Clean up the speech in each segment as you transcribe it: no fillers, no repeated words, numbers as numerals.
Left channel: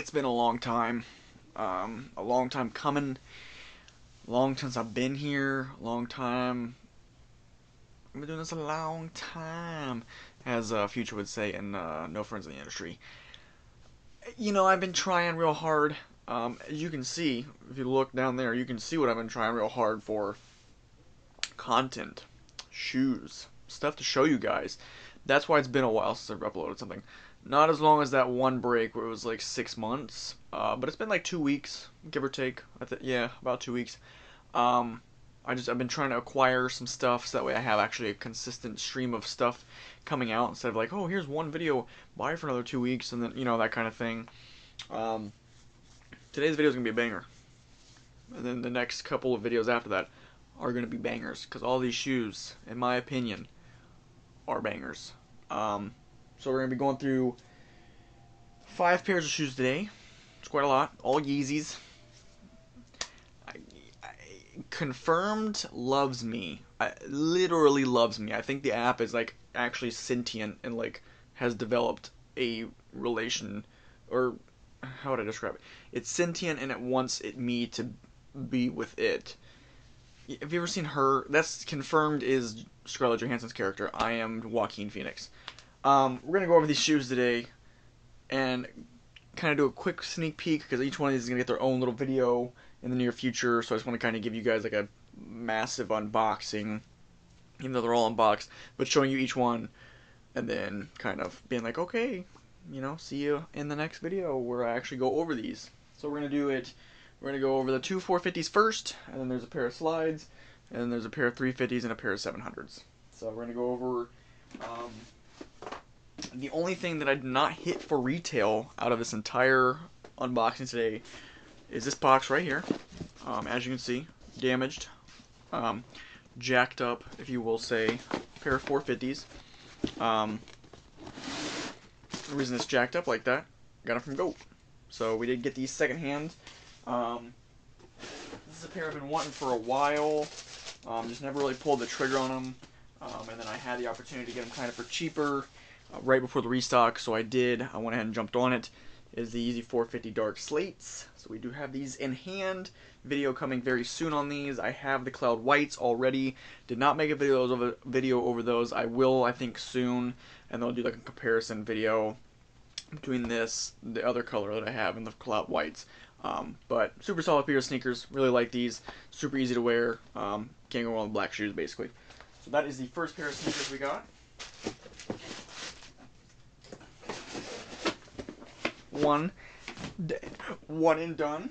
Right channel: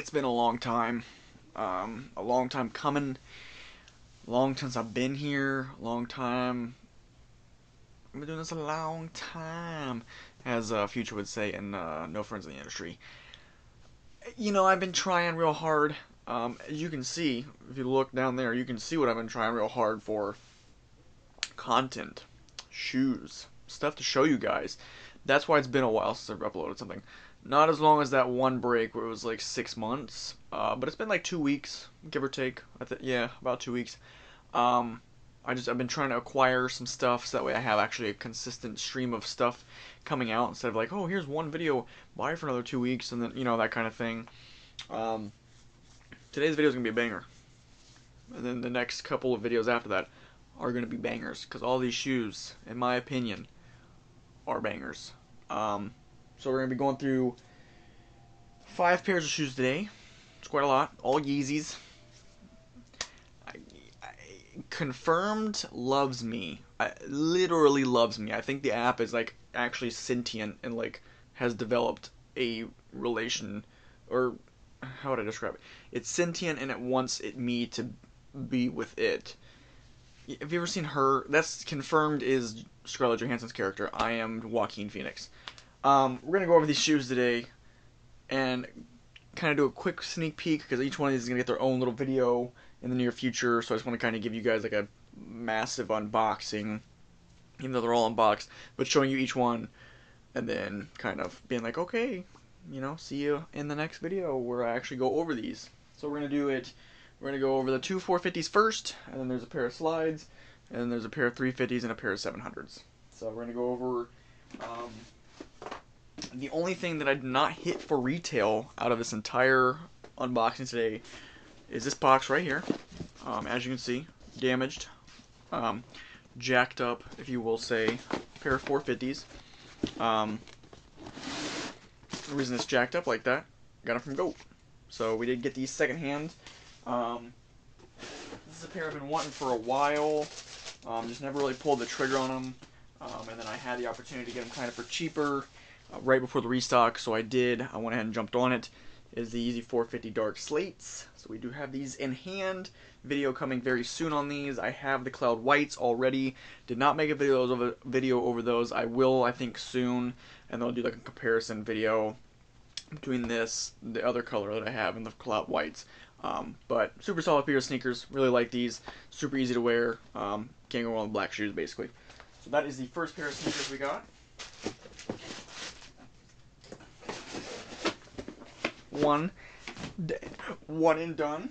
it's been a long time. A long time coming. Long since I've been here. Long time. I've been doing this a long time, as Future would say in No Friends in the Industry. You know, I've been trying real hard. As you can see, if you look down there, you can see what I've been trying real hard for. Content, shoes, stuff to show you guys. That's why it's been a while since I've uploaded something. Not as long as that one break where it was like 6 months, but it's been like 2 weeks, give or take. Yeah, about 2 weeks. I've been trying to acquire some stuff so that way I have actually a consistent stream of stuff coming out instead of like, oh, here's one video, buy it for another 2 weeks, and then that kind of thing. Today's video is gonna be a banger, and then the next couple of videos after that are gonna be bangers because all these shoes, in my opinion, are bangers. So we're gonna be going through 5 pairs of shoes today. It's quite a lot. All Yeezys. Confirmed loves me. Literally loves me. I think the app is like actually sentient and like has developed a relation, or how would I describe it? It's sentient and it wants me to be with it. Have you ever seen her? That's Confirmed is Scarlett Johansson's character. I am Joaquin Phoenix. We're gonna go over these shoes today and kind of do a quick sneak peek because each one of these is gonna get their own little video in the near future. So I just want to kind of give you guys like a massive unboxing, even though they're all unboxed, but showing you each one and then kind of being like, okay, see you in the next video where I actually go over these. So we're gonna do it. We're gonna go over the two 450s first, and then there's a pair of slides, and then there's a pair of 350s and a pair of 700s. So we're gonna go over. The only thing that I did not hit for retail out of this entire unboxing today is this box right here. As you can see, damaged, jacked up, if you will say, pair of 450s. The reason it's jacked up like that, got it from Go. So we did get these secondhand. This is a pair I've been wanting for a while. Just never really pulled the trigger on them. And then I had the opportunity to get them kind of for cheaper right before the restock, so I did. I went ahead and jumped on it. Is the Yeezy 450 Dark Slates. So we do have these in hand. Video coming very soon on these. I have the Cloud Whites already. Did not make a video over those. I will, I think, soon, and I'll do like a comparison video between this, the other color that I have, and the Cloud Whites. But super solid pair of sneakers. Really like these. Super easy to wear. Can't go wrong with black shoes, basically. So that is the first pair of sneakers we got. One and done.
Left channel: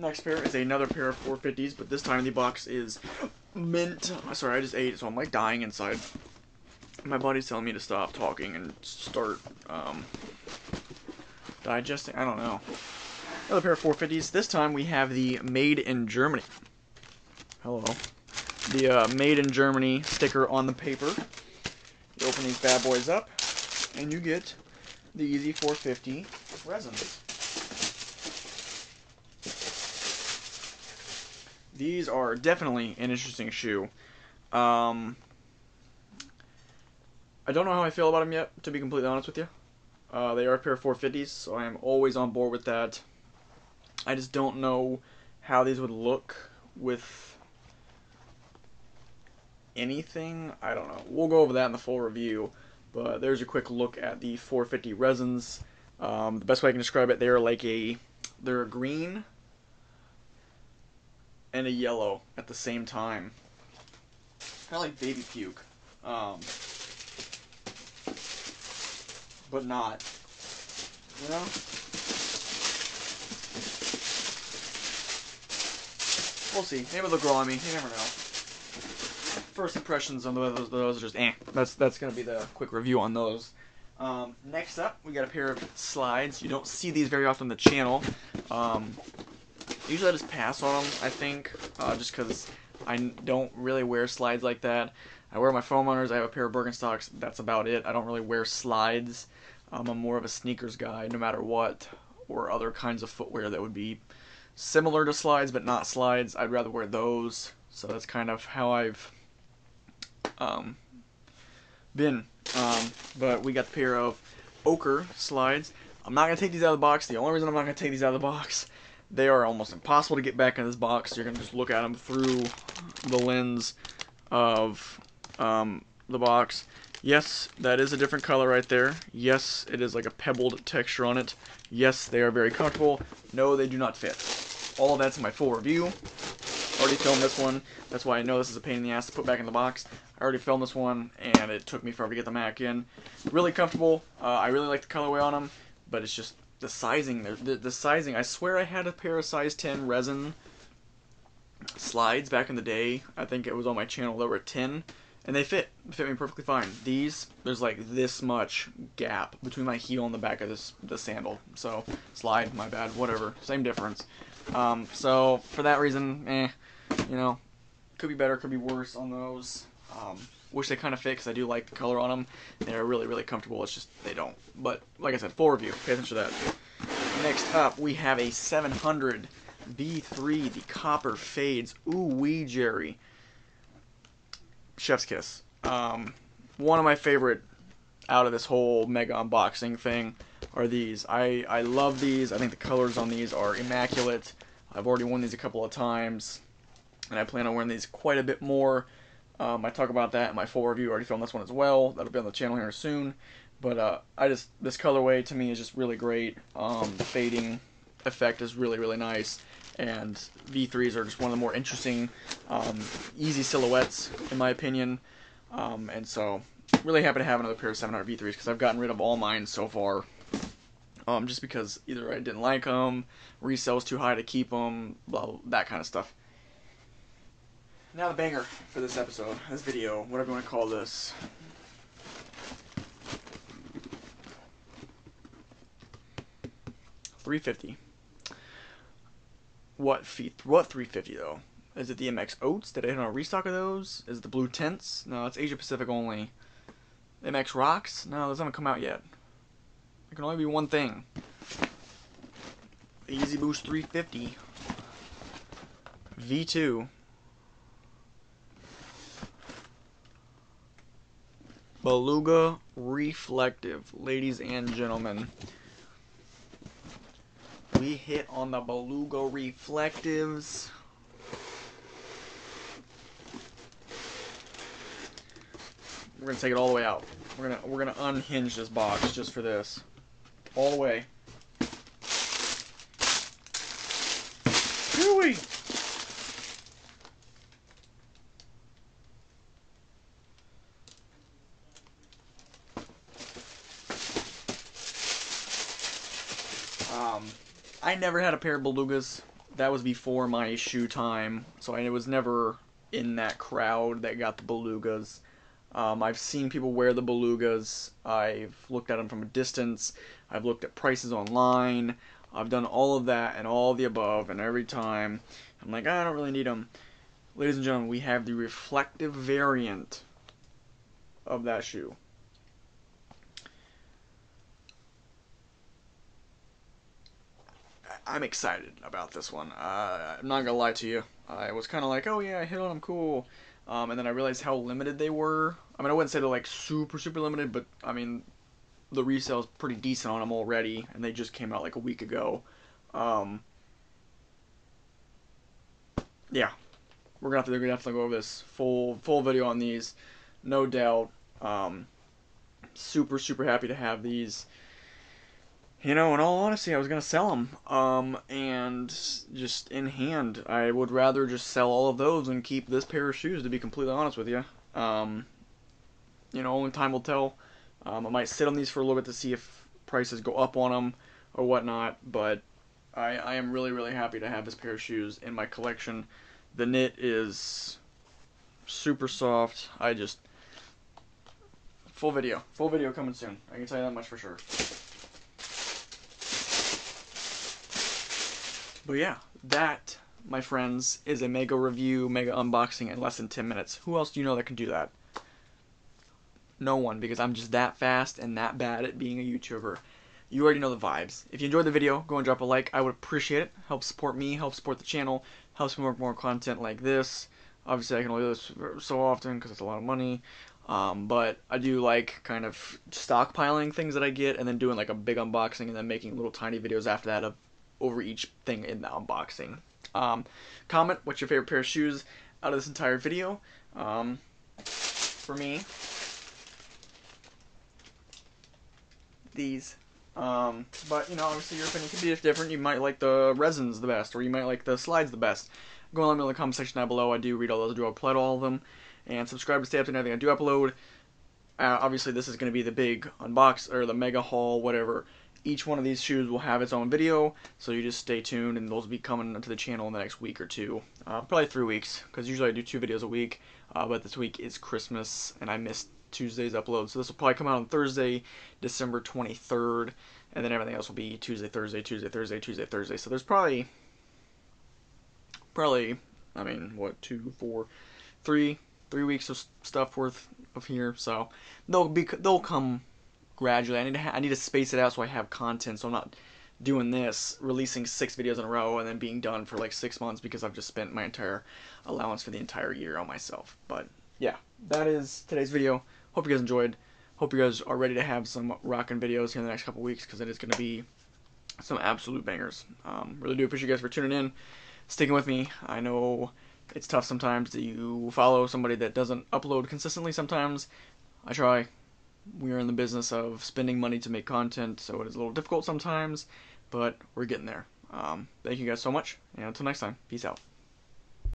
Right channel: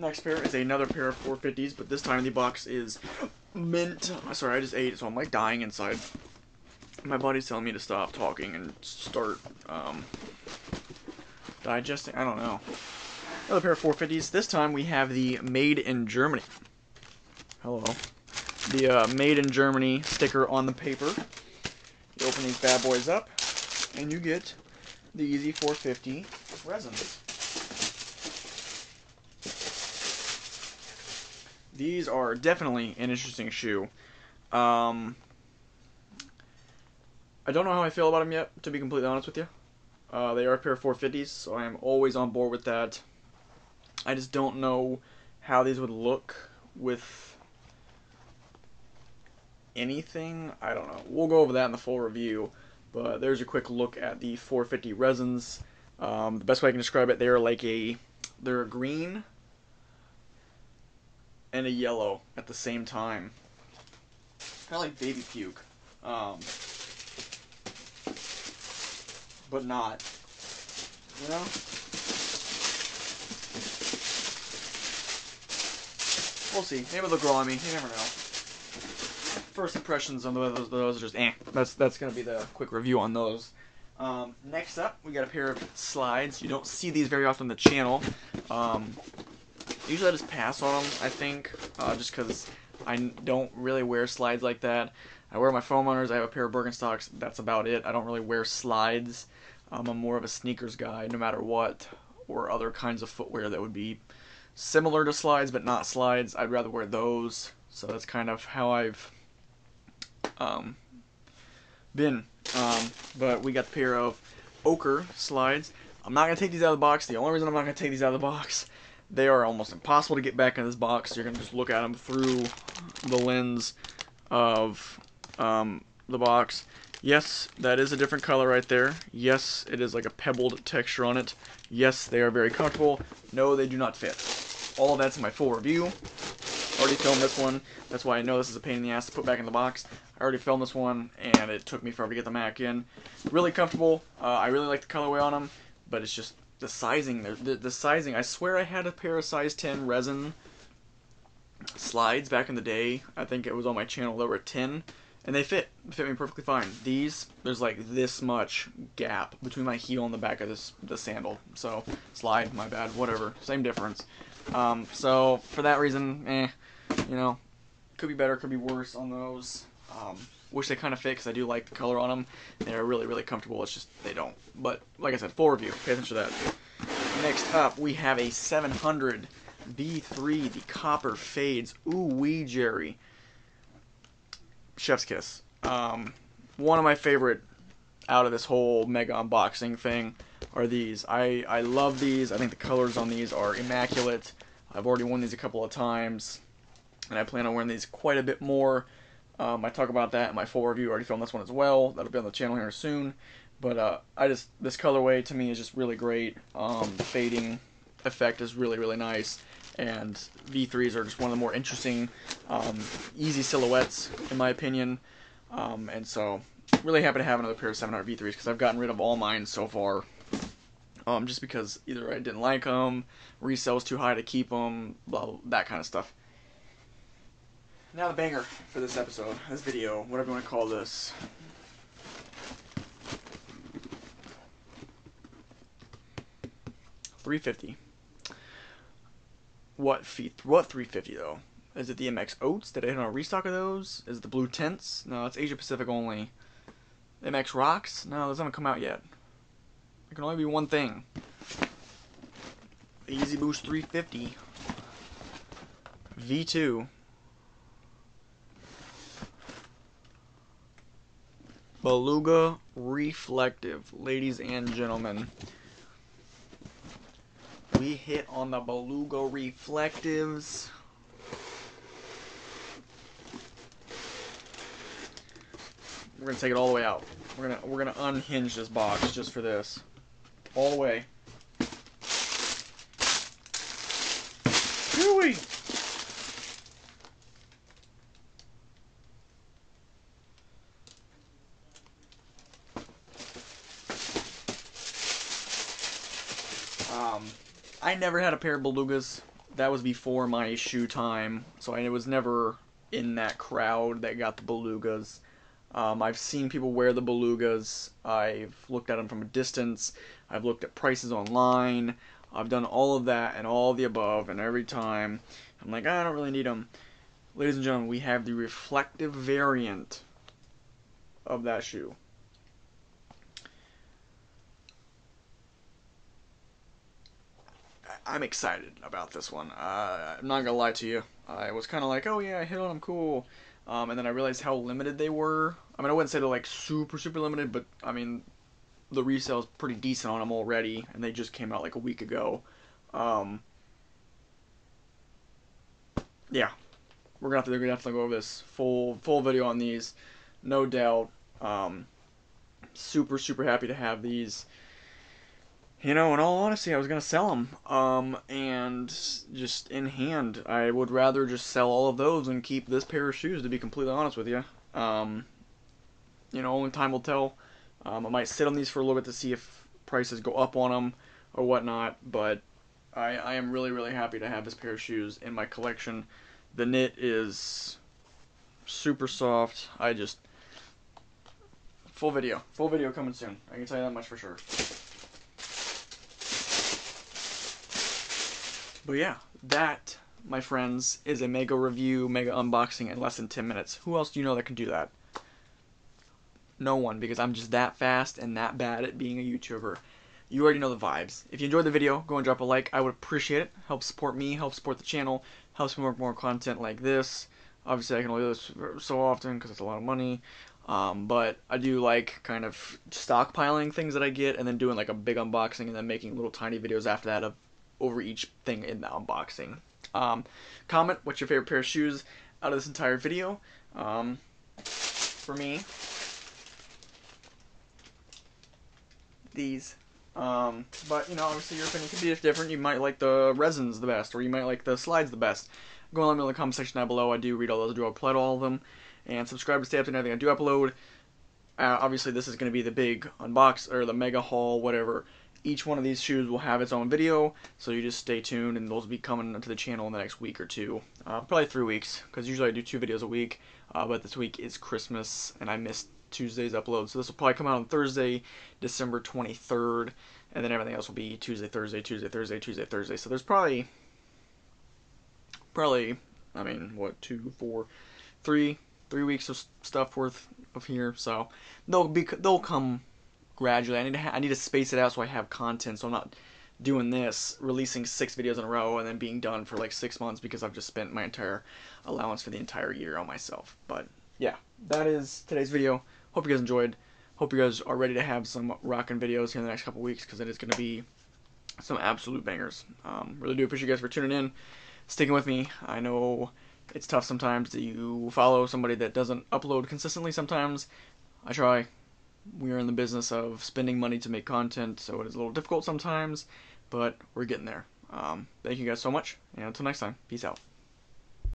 Next pair is another pair of 450s, but this time the box is mint. Sorry, I just ate, so I'm like dying inside. My body's telling me to stop talking and start digesting. I don't know. Another pair of 450s. This time we have the Made in Germany. Hello. The Made in Germany sticker on the paper. You open these bad boys up, and you get the Yeezy 450 resins. These are definitely an interesting shoe. I don't know how I feel about them yet, to be completely honest with you. They are a pair of 450s, so I am always on board with that. I just don't know how these would look with anything. I don't know. We'll go over that in the full review. But there's a quick look at the 450 resins. The best way I can describe it, they're a green and a yellow at the same time. Kind of like baby puke. But not. We'll see. Maybe they'll grow on me. You never know. First impressions on those are just eh. That's gonna be the quick review on those. Next up, we got a pair of slides. You don't see these very often on the channel. Usually I just pass on them, I think, just because I don't really wear slides like that. I wear my foam runners. I have a pair of Birkenstocks. That's about it. I don't really wear slides. I'm more of a sneakers guy, no matter what, or other kinds of footwear that would be similar to slides but not slides. I'd rather wear those. So that's kind of how I've been. But we got the pair of ochre slides. I'm not going to take these out of the box. The only reason I'm not going to take these out of the box, they are almost impossible to get back in this box. You're going to just look at them through the lens of the box. Yes, that is a different color right there. Yes, it is like a pebbled texture on it. Yes, they are very comfortable. No, they do not fit. All of that's in my full review. Already filmed this one. That's why I know this is a pain in the ass to put back in the box. I already filmed this one, and it took me forever to get them back in. Really comfortable. I really like the colorway on them, but it's just the sizing. The sizing. I swear I had a pair of size 10 resin slides back in the day. I think it was on my channel. They were 10, and they fit me perfectly fine. These, there's like this much gap between my heel and the back of the sandal. So slide, my bad, whatever, same difference. So for that reason, you know, could be better, could be worse on those. Wish they kind of fit because I do like the color on them. They're really, really comfortable. It's just they don't. But like I said, full review. Pay attention to that. Next up, we have a 700 V3, the copper fades. Ooh wee, Jerry. Chef's kiss. One of my favorite out of this whole mega unboxing thing are these. I love these. I think the colors on these are immaculate. I've already worn these a couple of times, and I plan on wearing these quite a bit more. I talk about that in my full review. I already filmed this one as well. That'll be on the channel here soon. But this colorway to me is just really great. The fading effect is really, really nice. And V3s are just one of the more interesting, easy silhouettes, in my opinion. And so, really happy to have another pair of 700 V3s because I've gotten rid of all mine so far. Just because either I didn't like them, resale was too high to keep them, blah, that kind of stuff. Now the banger for this episode, this video, whatever you want to call this. $350. What 350 though? Is it the MX Oats? Did I hit on a restock of those? Is it the Blue Tints? No, it's Asia Pacific only. The MX Rocks? No, those haven't come out yet. There can only be one thing. The Yeezy Boost 350 V2 Beluga Reflective, ladies and gentlemen. We hit on the Beluga Reflectives. We're gonna take it all the way out. We're gonna unhinge this box just for this, all the way. Chewy. I never had a pair of Belugas. That was before my shoe time, so I was never in that crowd that got the Belugas. I've seen people wear the Belugas. I've looked at them from a distance. I've looked at prices online. I've done all of that and all of the above, and every time I'm like, I don't really need them. Ladies and gentlemen, we have the reflective variant of that shoe. I'm excited about this one. I'm not gonna lie to you. I was kind of like, oh yeah, I hit on them, cool. And then I realized how limited they were. I mean, I wouldn't say they're like super, super limited, but I mean, the resale is pretty decent on them already, and they just came out like a week ago. Yeah, we're gonna have to go over this full video on these, no doubt. Super, super happy to have these. You know, in all honesty, I was going to sell them, and just in hand, I would rather just sell all of those and keep this pair of shoes, to be completely honest with you. You know, only time will tell. I might sit on these for a little bit to see if prices go up on them or whatnot, but I am really, really happy to have this pair of shoes in my collection. The knit is super soft. Full video coming soon. I can tell you that much for sure. But yeah, that, my friends, is a mega review, mega unboxing in less than 10 minutes. Who else do you know that can do that? No one, because I'm just that fast and that bad at being a YouTuber. You already know the vibes. If you enjoyed the video, go and drop a like. I would appreciate it. Helps support me, helps support the channel, helps me work more content like this. Obviously, I can only do this so often because it's a lot of money. But I do like kind of stockpiling things that I get and then doing like a big unboxing and then making little tiny videos after that of over each thing in the unboxing. Um, Comment what's your favorite pair of shoes out of this entire video. For me, these. But you know, obviously your opinion could be different. You might like the resins the best, or you might like the slides the best. Go and let me know in the comment section down below. I do read all those. I do reply to all of them, and subscribe to stay up to everything I do upload. Obviously, this is going to be the big unbox or the mega haul, whatever. Each one of these shoes will have its own video, so you just stay tuned, and those will be coming to the channel in the next week or two, probably 3 weeks, because usually I do 2 videos a week. But this week is Christmas, and I missed Tuesday's upload, so this will probably come out on Thursday, December 23rd, and then everything else will be Tuesday, Thursday, Tuesday, Thursday, Tuesday, Thursday. So there's probably, I mean, what, 2, 4, 3 weeks of stuff worth of here. So they'll come gradually. I need to space it out so I have content. So I'm not doing this, releasing 6 videos in a row and then being done for like 6 months because I've just spent my entire allowance for the entire year on myself. But yeah, that is today's video. Hope you guys enjoyed. Hope you guys are ready to have some rockin' videos here in the next couple weeks because it is going to be some absolute bangers. Really do appreciate you guys for tuning in, sticking with me. I know it's tough sometimes that you follow somebody that doesn't upload consistently sometimes. I try. We are in the business of spending money to make content, so it is a little difficult sometimes, but we're getting there. Thank you guys so much, and until next time, peace out.